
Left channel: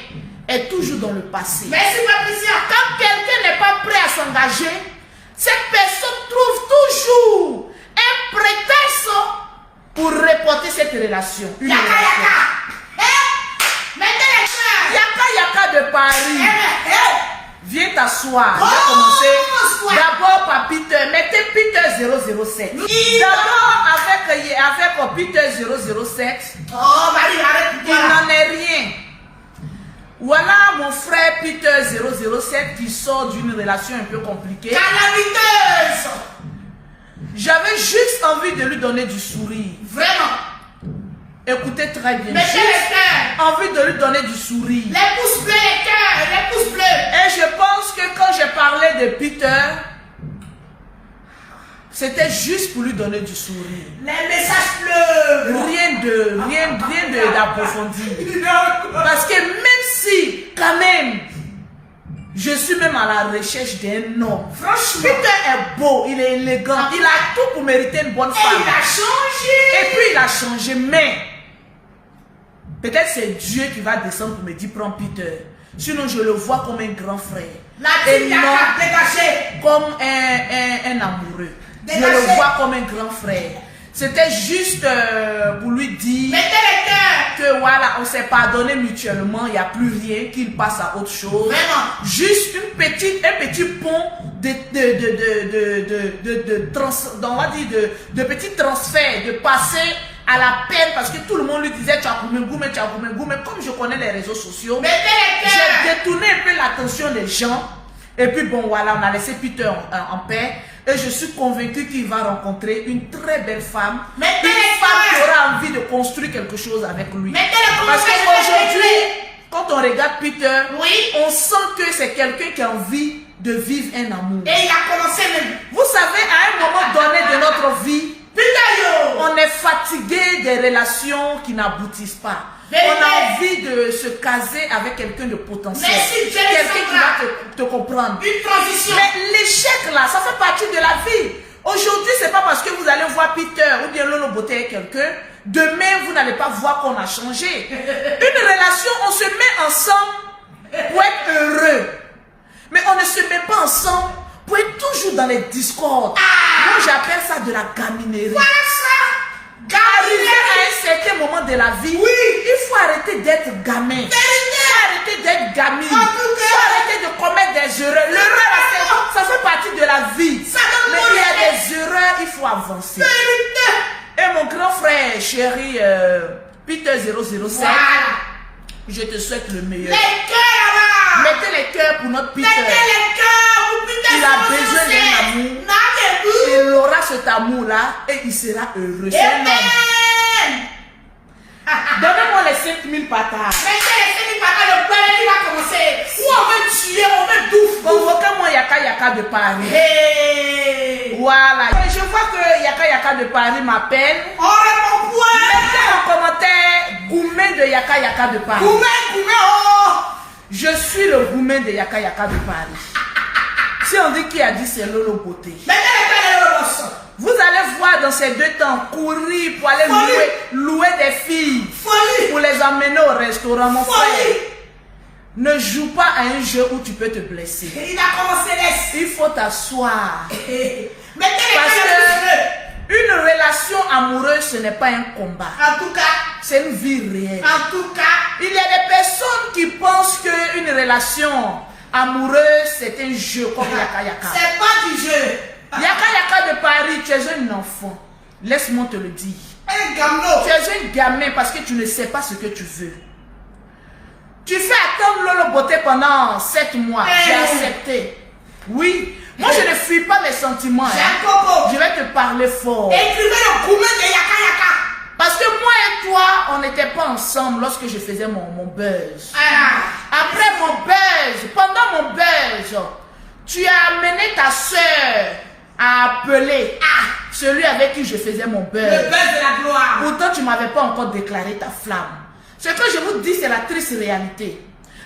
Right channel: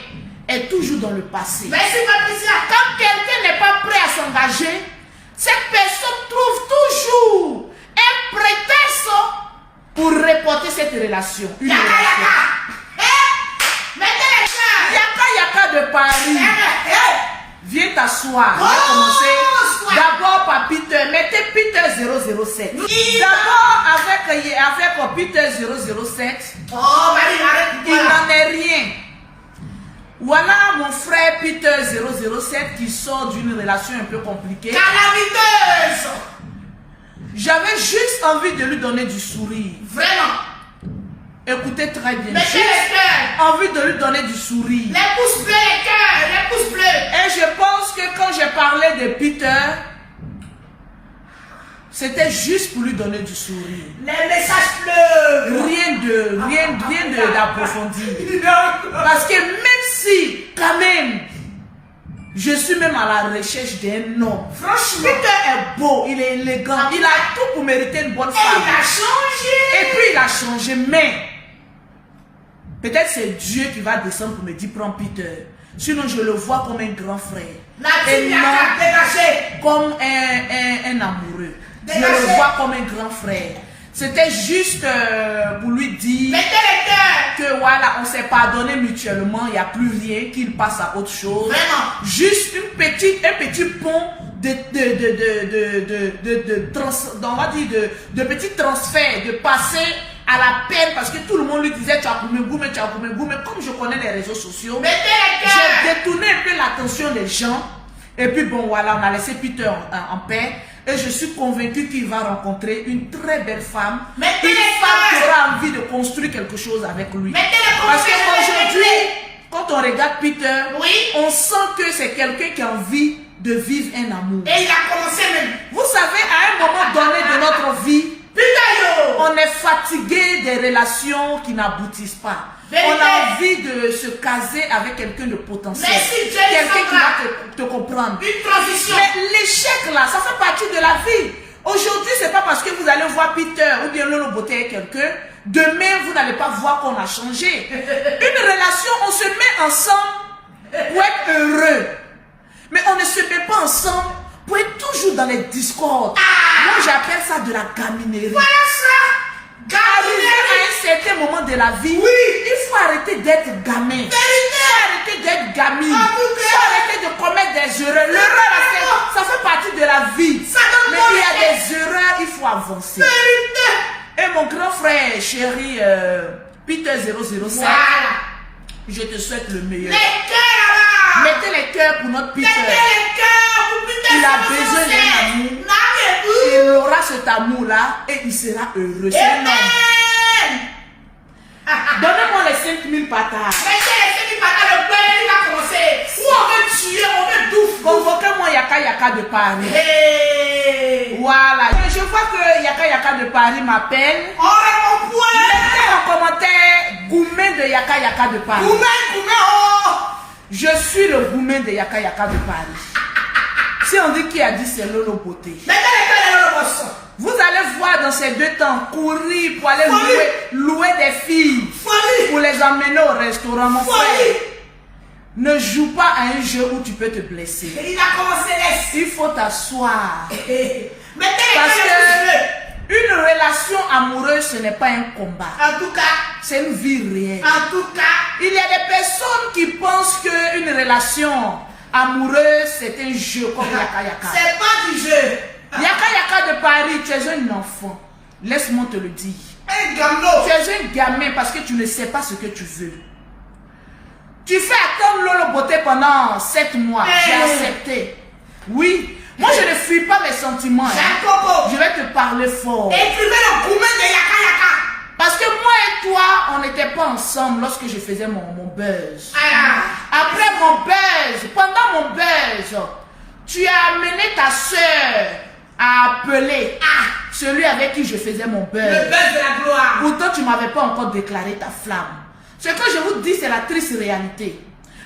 est toujours dans le passé. Merci Patricia. Quand quelqu'un n'est pas prêt à s'engager, cette personne trouve toujours un prétexte pour reporter cette relation. Yaka Yaka. Mettez les cœurs. Yaka Yaka de Paris. Viens t'asseoir. Je vais commencer. D'abord par Peter. Mettez Peter 007. D'abord avec Peter 007. Oh, Marie, arrête. Il n'en est rien. Voilà mon frère Peter 007 qui sort d'une relation un peu compliquée. Calamiteuse. J'avais juste envie de lui donner du sourire. Vraiment. Écoutez très bien. Mettez les cœurs. Envie de lui donner du sourire. Les pouces bleus, les cœurs, les pouces bleus. Et je pense que quand j'ai parlé de Peter, c'était juste pour lui donner du sourire. Les messages bleus. Rien d'approfondi. Parce que même si, quand même, je suis même à la recherche d'un homme. Franchement. Peter est beau, il est élégant, il a tout pour mériter une bonne Et femme. il a changé. Et puis il a changé, mais peut-être c'est Dieu qui va descendre pour me dire prends Peter. Sinon je le vois comme un grand frère. La Et petite non Yaka, dégagée. comme un amoureux. Je Dégagez. le vois comme un grand frère. C'était juste pour lui dire Mettez les cœurs. que voilà, on s'est pardonné mutuellement, il n'y a plus rien, qu'il passe à autre chose. Vraiment. Juste un petit pont de petits transferts, de passer à la peine, parce que tout le monde lui disait tu as coupé goût, mais comme je connais les réseaux sociaux, Mettez les cœurs. j'ai détourné un peu l'attention des gens. Et puis bon voilà, on a laissé Peter en paix. Et je suis convaincue qu'il va rencontrer une très belle femme. Mettez Une les femme qui cœurs. aura envie de construire quelque chose avec lui. Mettez les Parce commentaires, qu'aujourd'hui, quand on regarde Peter, Oui. on sent que c'est quelqu'un qui a envie de vivre un amour. Et il a commencé même. Vous savez, à un moment donné de notre vie, Putain yo. on est fatigué des relations qui n'aboutissent pas. Vérité. On a envie de se caser avec quelqu'un de potentiel. Merci, Jenny Quelqu'un qui Sandra. va te comprendre. Une transition. Mais l'échec là, ça fait partie de la vie. Aujourd'hui, c'est pas parce que vous allez voir Peter ou bien Lolo Beauté avec quelqu'un, demain vous n'allez pas voir qu'on a changé. Une relation, on se met ensemble pour être heureux. Mais on ne se met pas ensemble pour être toujours dans les discordes. Moi, j'appelle ça de la gaminerie. Voilà ça. Arrivé à un certain moment de la vie, Oui. il faut arrêter d'être gamin. Il faut arrêter d'être gamine. En tout cas. Il faut arrêter de commettre des erreurs. L'erreur, ça fait partie de la vie. Ça donne Mais mon il y a effet. des erreurs, il faut avancer. Vérité. Et mon grand frère chéri, Peter 007, Voilà. je te souhaite le meilleur. Les cœurs là. Mettez les cœurs pour notre Peter. Mettez les cœurs. Vous putain. Il a besoin d'un amour. Il aura cet amour-là et il sera heureux. C'est un homme. Amen. Donnez-moi les 5000 patates. Mettez les 5 patates, le père va commencer. Ou on veut tuer, on veut douf. Convoquez-moi Yaka Yaka de Paris. Hey. Voilà. Je vois que Yaka Yaka de Paris m'appelle. On répond point. Mettez en commentaire Goumen de Yaka Yaka de Paris. Goumé, oh. Je suis le Goumen de Yaka Yaka de Paris. Si on dit qui a dit c'est Lolo Beauté. Mettez les cœurs, le boss. Vous allez voir dans ces 2 temps courir pour aller louer des filles. Folie. Pour les emmener au restaurant, mon Folie. frère. Ne joue pas à un jeu où tu peux te blesser. Il a commencé laisse. Il faut t'asseoir. Mettez les Parce que que une relation amoureuse, ce n'est pas un combat. en tout cas, C'est une vie réelle. en tout cas, Il y a des personnes qui pensent qu'une relation amoureuse, c'est un jeu comme Yaka Yaka. c'est pas du jeu. Yaka Yaka de Paris, tu es un enfant. Laisse-moi te le dire. Un gamin. Tu es un gamin parce que tu ne sais pas ce que tu veux. Tu fais attendre Lolo Beauté pendant 7 mois. J'ai accepté. Oui. Moi, je ne fuis pas mes sentiments. Jean Coco, Je vais te parler fort. écrivez le gourmet de Yaka Yaka. Parce que moi et toi, on n'était pas ensemble lorsque je faisais mon buzz. Après mon buzz, pendant mon buzz, tu as amené ta soeur à appeler celui avec qui je faisais mon buzz. Le buzz de la gloire. Pourtant, tu ne m'avais pas encore déclaré ta flamme. Ce que je vous dis, c'est la triste réalité.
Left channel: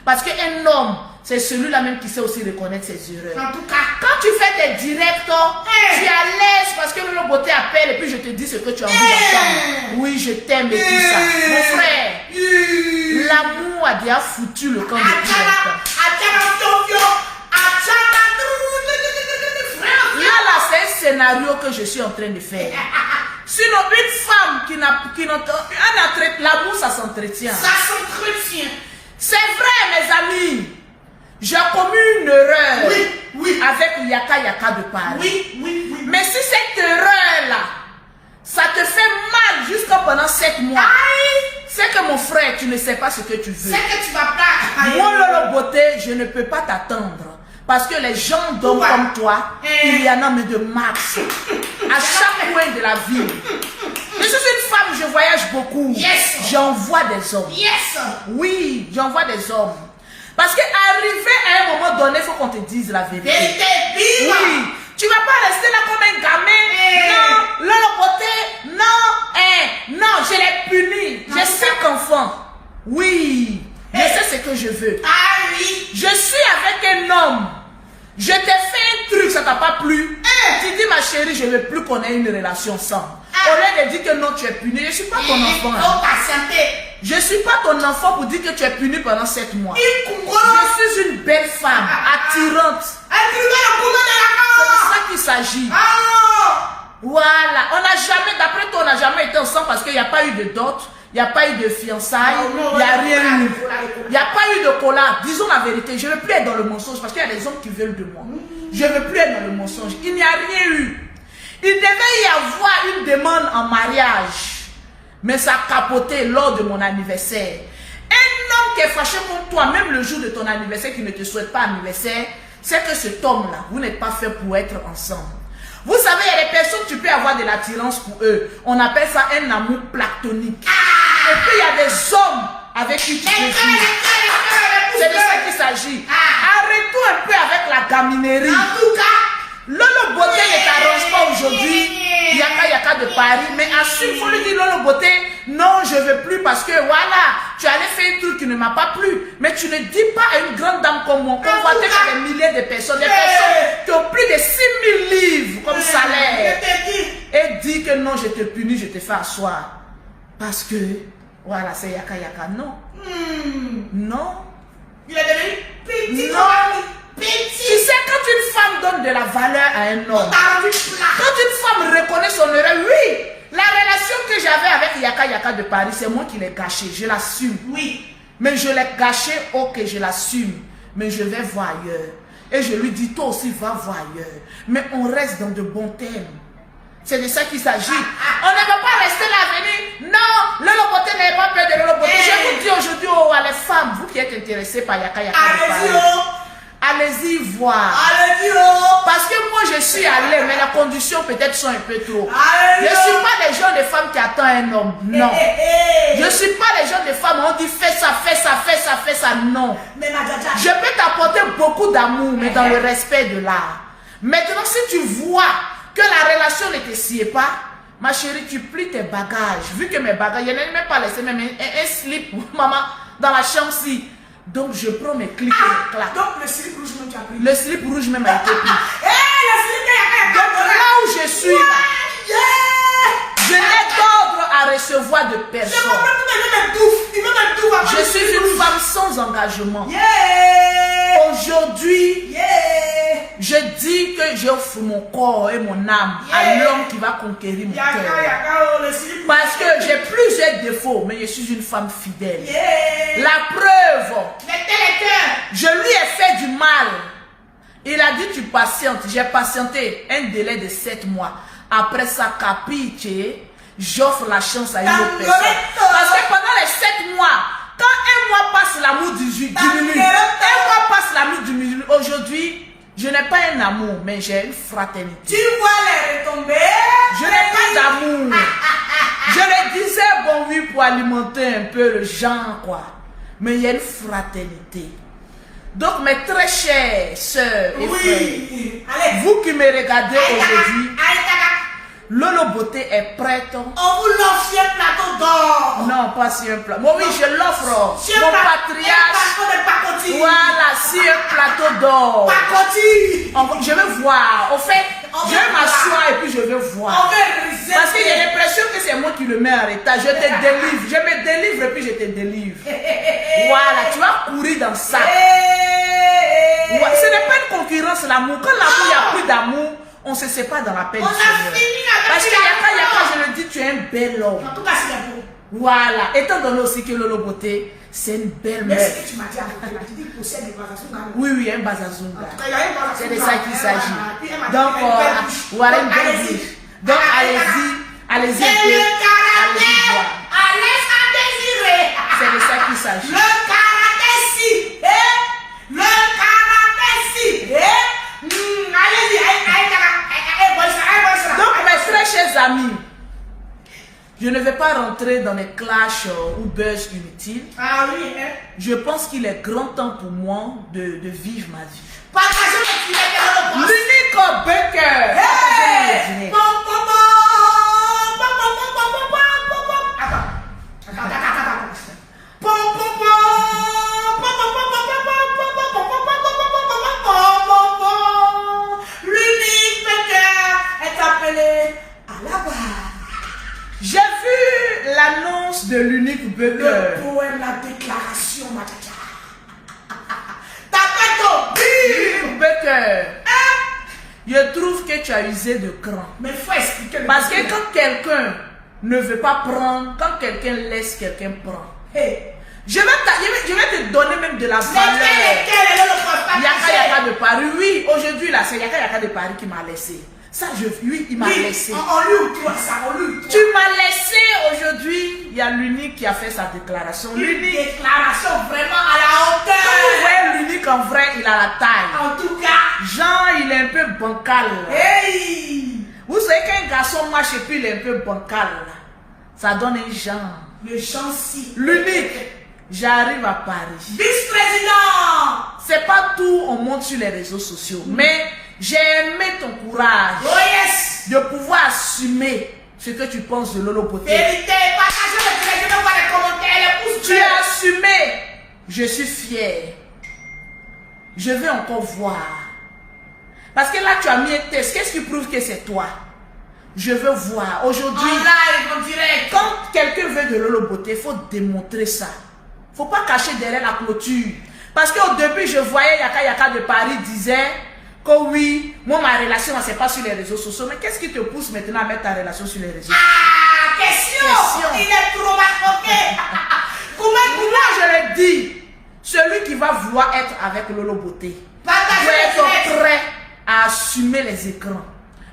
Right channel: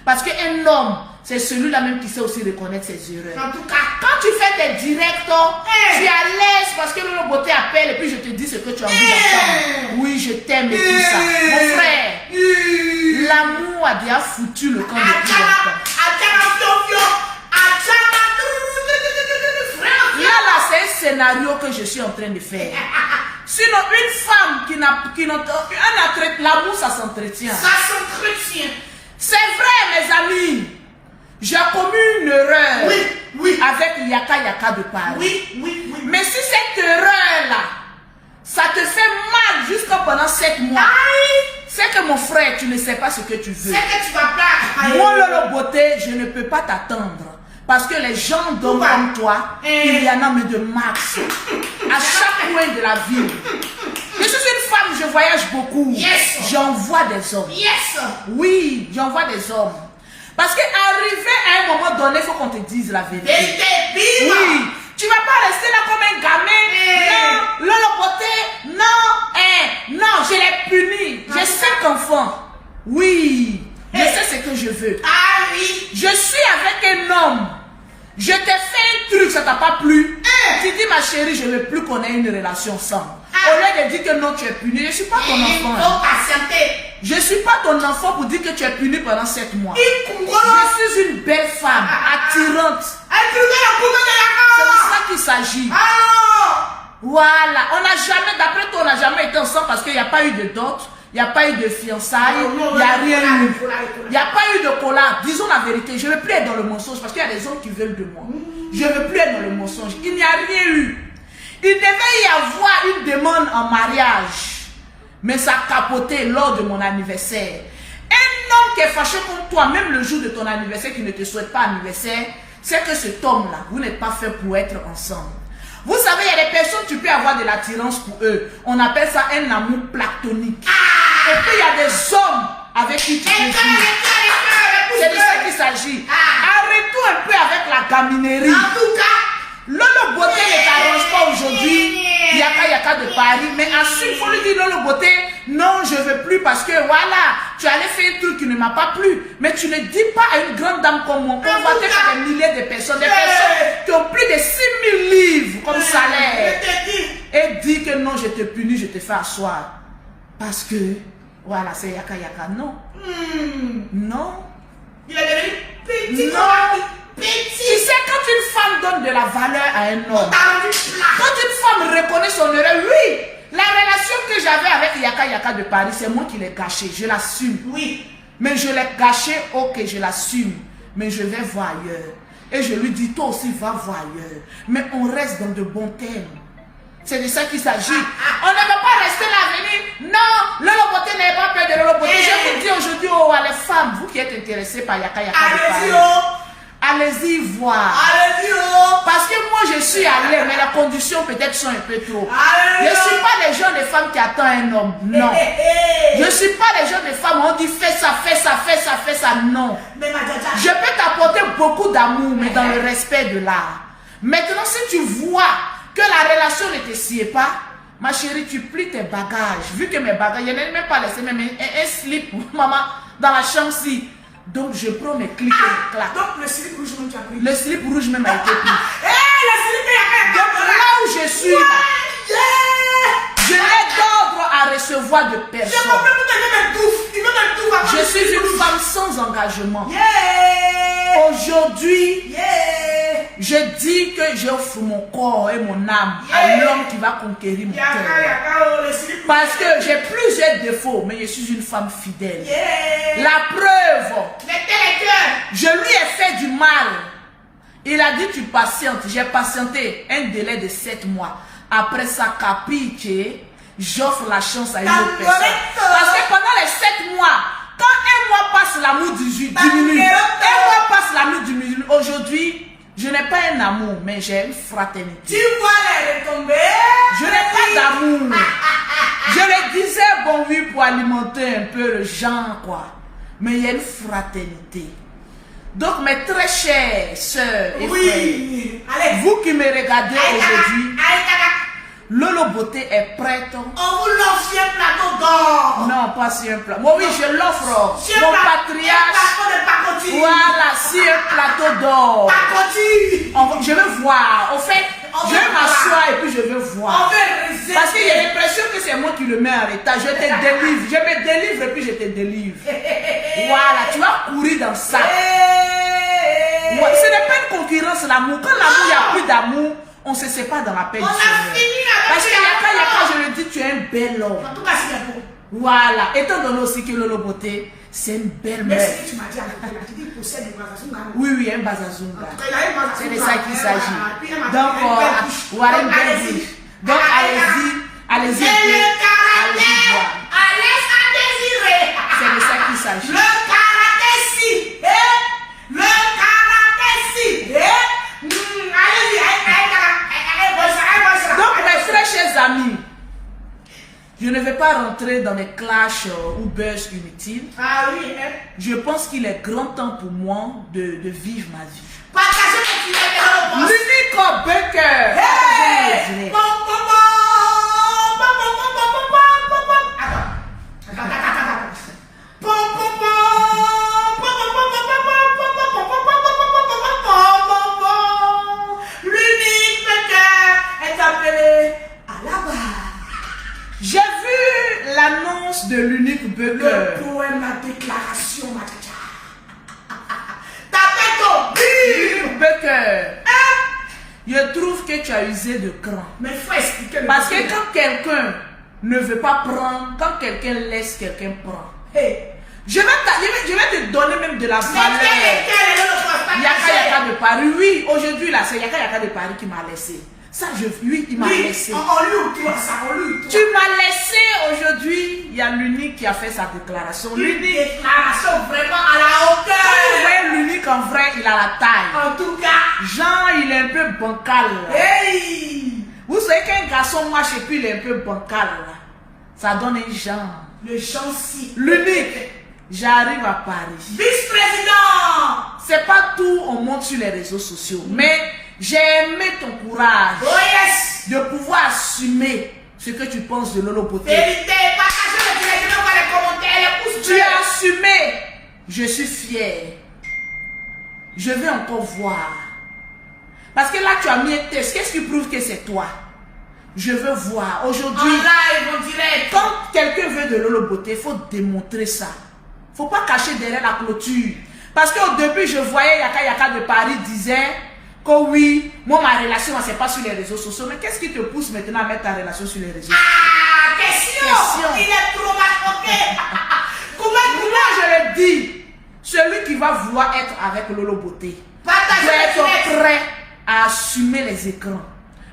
Parce qu'un homme, c'est celui-là même qui sait aussi reconnaître ses erreurs. En tout cas, Quand tu fais des directs, tu es à l'aise parce que Lolo Beauté appelle et puis je te dis ce que tu as envie d'entendre. Oui, je t'aime et tout ça. Mon frère, l'amour a déjà foutu le camp de tout longtemps. Là, c'est un scénario que je suis en train de faire. Sinon, une femme qui n'a l'amour, ça s'entretient. Ça s'entretient. C'est vrai, mes amis. J'ai commis une erreur Oui. avec Yaka Yaka de Paris. Oui. Mais si cette erreur-là, ça te fait mal jusqu'à pendant 7 mois, c'est que mon frère, tu ne sais pas ce que tu veux. C'est que tu vas pas. Moi, Lolo Beauté, je ne peux pas t'attendre. Parce que les gens d'hommes comme toi, il y en a mais de max. À chaque coin de la ville. Je suis une femme, je voyage beaucoup. Yes. J'envoie des hommes. Yes. Oui, j'envoie des hommes. Parce qu'arriver à un moment donné, il faut qu'on te dise la vérité. Oui, tu vas pas rester là comme un gamin. Non, Lolo Beauté, non, je l'ai puni. J'ai 5 enfants. Oui, je sais ce que je veux. Je suis avec un homme. Je t'ai fait un truc, ça t'a pas plu. Tu dis, ma chérie, je ne veux plus qu'on ait une relation ensemble. Au lieu de dire que non, tu es puni, je ne suis pas ton enfant. Je ne suis pas ton enfant pour dire que tu es puni pendant 7 mois. Je suis une belle femme, attirante. C'est de ça qu'il s'agit. Voilà, on n'a jamais, d'après toi, on n'a jamais été ensemble parce qu'il n'y a pas eu de dot, il n'y a pas eu de fiançailles, il n'y a rien eu. Il n'y a pas eu de collage. Disons la vérité, je ne veux plus être dans le mensonge parce qu'il y a des hommes qui veulent de moi. Je ne veux plus être dans le mensonge. Il n'y a rien eu. Il devait y avoir une demande en mariage, mais ça a capoté lors de mon anniversaire. Un homme qui est fâché contre toi, même le jour de ton anniversaire, qui ne te souhaite pas anniversaire, c'est que cet homme-là, vous n'êtes pas fait pour être ensemble. Vous savez, il y a des personnes, tu peux avoir de l'attirance pour eux. On appelle ça un amour platonique. Et puis, il y a des hommes avec qui tu peux vivre. C'est de ça qu'il s'agit. Arrête-toi un peu avec la gaminerie. En tout cas, Lolo Beauté ne t'arrange pas aujourd'hui. Yaka Yaka de Paris. Mais ainsi, il faut lui dire, Lolo Beauté, non, je ne veux plus parce que voilà, tu allais faire un truc qui ne m'a pas plu. Mais tu ne dis pas à une grande dame comme moi, convoitée par des milliers de personnes, des personnes qui ont plus de 6 000 livres comme salaire. Et dis que non, je te punis, je te fais asseoir. Parce que, voilà, c'est Yaka Yaka. Non. Non. Il a donné petit. Non. Tu sais, quand une femme donne de la valeur à un homme, quand une femme reconnaît son erreur, oui, la relation que j'avais avec Yaka Yaka de Paris, c'est moi qui l'ai gâchée, je l'assume. Oui. Mais je l'ai gâchée, ok, je l'assume, mais je vais voir ailleurs. Et je lui dis, toi aussi, va voir ailleurs. Mais on reste dans de bons thèmes. C'est de ça qu'il s'agit. On ne va pas rester là à venir. Non, Lolo Beauté n'avait pas peur de Lolo Beauté. Je vous dis aujourd'hui, oh, les femmes, vous qui êtes intéressés par Yaka Yaka de Paris, allez-y voir. Parce que moi je suis allée, mais les conditions peut-être sont un peu trop. Je ne suis pas les gens de femmes qui attendent un homme. Non. Je ne suis pas les gens de femmes, on dit fais ça, fais ça, fais ça, fais ça. Non. Je peux t'apporter beaucoup d'amour, mais dans le respect de l'art. Maintenant, si tu vois que la relation ne te sied pas, ma chérie, tu plies tes bagages. Vu que mes bagages, je n'ai même pas laissé même un slip pour maman dans la chambre-ci. Donc je prends mes clics et mes claques. Donc le slip rouge même tu as pris. Le slip rouge même a été pris. Le slip Donc là où je suis là, Je n'ai d'ordre à recevoir de Je personne. comprends pourquoi il veut me tout. Je suis une femme sans engagement. Yeah. Aujourd'hui, Yeah. je dis que j'offre mon corps et mon âme à l'homme qui va conquérir mon cœur. Parce que j'ai plusieurs défauts, mais je suis une femme fidèle. Yeah. La preuve, Mettez les cœurs. je lui ai fait du mal. Il a dit tu patientes. J'ai patienté un délai de 7 mois. Après ça, capiche, j'offre la chance à une autre personne. Parce que pendant les 7 mois, quand un mois passe, l'amour diminue. Un mois passe, l'amour diminue. Aujourd'hui, je n'ai pas un amour, mais j'ai une fraternité. Tu vois les retombées. Je n'ai pas d'amour. Je le disais, bon oui, pour alimenter un peu le genre, quoi. Mais il y a une fraternité. Donc, mes très chers sœurs et frères, Allez. vous qui me regardez aujourd'hui, Allez, Lolo Beauté est prête. on vous l'offre sur un plateau d'or. Non, pas sur un plateau. Bon, oui, je l'offre. Sur Mon un patriarche. plateau de pacotille. Voilà, sur un plateau d'or. Pacotille. Je vais voir. Au fait, On je va vais m'asseoir et puis je vais On voir. va riser. Parce qu'il y a l'impression que c'est moi qui le mets en état. Je te délivre. Je me délivre et puis je te délivre. Voilà, tu vas courir dans ça. Ouais, ce n'est pas une concurrence, l'amour. Quand l'amour, il n'y a plus d'amour, on se sépare dans la paix du On a Seigneur. fini avec Parce qu'il y a quand je le dis, tu es un bel homme. En tout cas, c'est bon. Voilà. Étant donné aussi que Lolo Beauté, c'est une belle Mais meuf. ce que tu m'as dit avec elle, tu dis qu'il possède des bazazunga. Oui, oui, un bazazunga. Il y a un bazazunga. C'est de ça qu'il s'agit. Puis elle m'a dit, Donc, elle a une belle bouche. voilà une Donc, belle allez-y. bouche. Donc, allez-y, allez-y, C'est le allez-y caractère. voir. Laisse à désirer. C'est de ça qu'il s'agit. Le caractère si. Le caractère si. Allez-y. Donc, mes très chers amis, je ne vais pas rentrer dans mes clashs ou buzz inutiles. Ah oui, Je pense qu'il est grand temps pour moi de vivre ma vie. partagez le filet de l'eau. L'unique Baker. Hey! Pom, pom, pom. Pom, pom, pom, pom, pom, pom, pom. Attends. Pom, pom, pom. Pom, pom, pom, pom, pom, pom, pom, pom, pom, pom, pom, pom. L'unique Baker est appelé à la barre. J'ai vu l'annonce de l'unique Baker. Le poème, la déclaration, ma tcha. Tapez ton bim. L'unique Baker. Je trouve que tu as usé de cran. Mais il faut expliquer le Parce que bim. quand quelqu'un ne veut pas prendre, quand quelqu'un laisse, quelqu'un prend. Hey. Je vais te donner même de la Mais valeur. quel est le prospect? Yaka de Paris, oui, aujourd'hui là, c'est Yaka de Paris qui m'a laissé. Ça, oui, il m'a laissé. On lui ou toi ça, on lui ou toi. Tu m'as laissé aujourd'hui. Il y a l'unique qui a fait sa déclaration. Une L'unique, déclaration vraiment à la quand vous hauteur. voyez l'unique en vrai, il a la taille. En tout cas, Jean, il est un peu bancal. hey, Vous savez qu'un garçon marche et puis il est un peu bancal. Ça donne un genre. le chancy. L'unique, j'arrive à Paris. Vice-président. C'est pas tout, on monte sur les réseaux sociaux. Mais j'ai aimé ton courage Oh yes. de pouvoir assumer ce que tu penses de Lolo Beauté. Vérité, partagez le direct, on va les commentaires, les pouces Tu bleus. as assumé. Je suis fière. Je vais encore voir. Parce que là, tu as mis un test. Qu'est-ce qui prouve que c'est toi? Je veux voir. En Aujourd'hui, live, en direct. quand quelqu'un veut de Lolo Beauté, il faut démontrer ça. Il ne faut pas cacher derrière la clôture. Parce qu'au début, je voyais Yaka de Paris disait que oui, moi, ma relation, ce n'est pas sur les réseaux sociaux. Mais qu'est-ce qui te pousse maintenant à mettre ta relation sur les réseaux sociaux? Ah, question. Il est trop machoqué. Comment Moi, je le dis, celui qui va vouloir être avec Lolo Beauté partagez doit le être direct. prêt à assumer les écrans.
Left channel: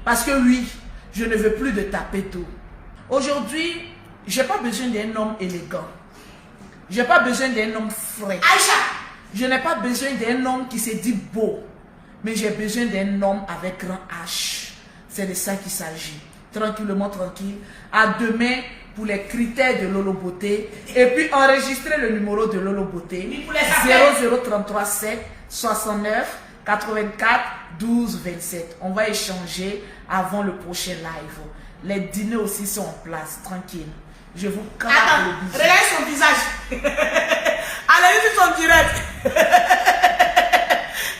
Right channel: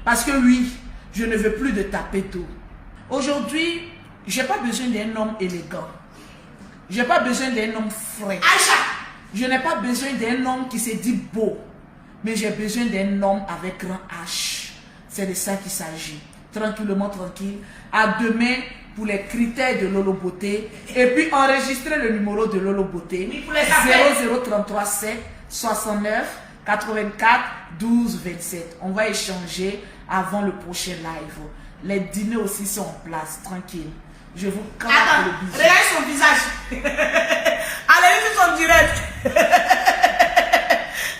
Parce que oui, je ne veux plus de taper tout. Aujourd'hui, je n'ai pas besoin d'un homme élégant. Je n'ai pas besoin d'un homme frais. Aïcha. Je n'ai pas besoin d'un homme qui se dit beau. Mais j'ai besoin d'un homme avec grand H. C'est de ça qu'il s'agit. Tranquillement, tranquille. À demain pour les critères de Lolo Beauté. Et puis enregistrer le numéro de Lolo Beauté. Oui, pour les appels. 0033 7 69 84 12 27. On va échanger avant le prochain live. Les dîners aussi sont en place. Tranquille. Je vous claque Attends, le bisou. regarde son visage. Allez, sur son direct.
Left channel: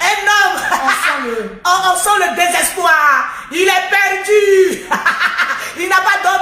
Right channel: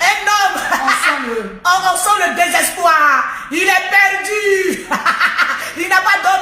Un homme. On sent le... On sent le désespoir. Il est perdu. Il n'a pas d'autre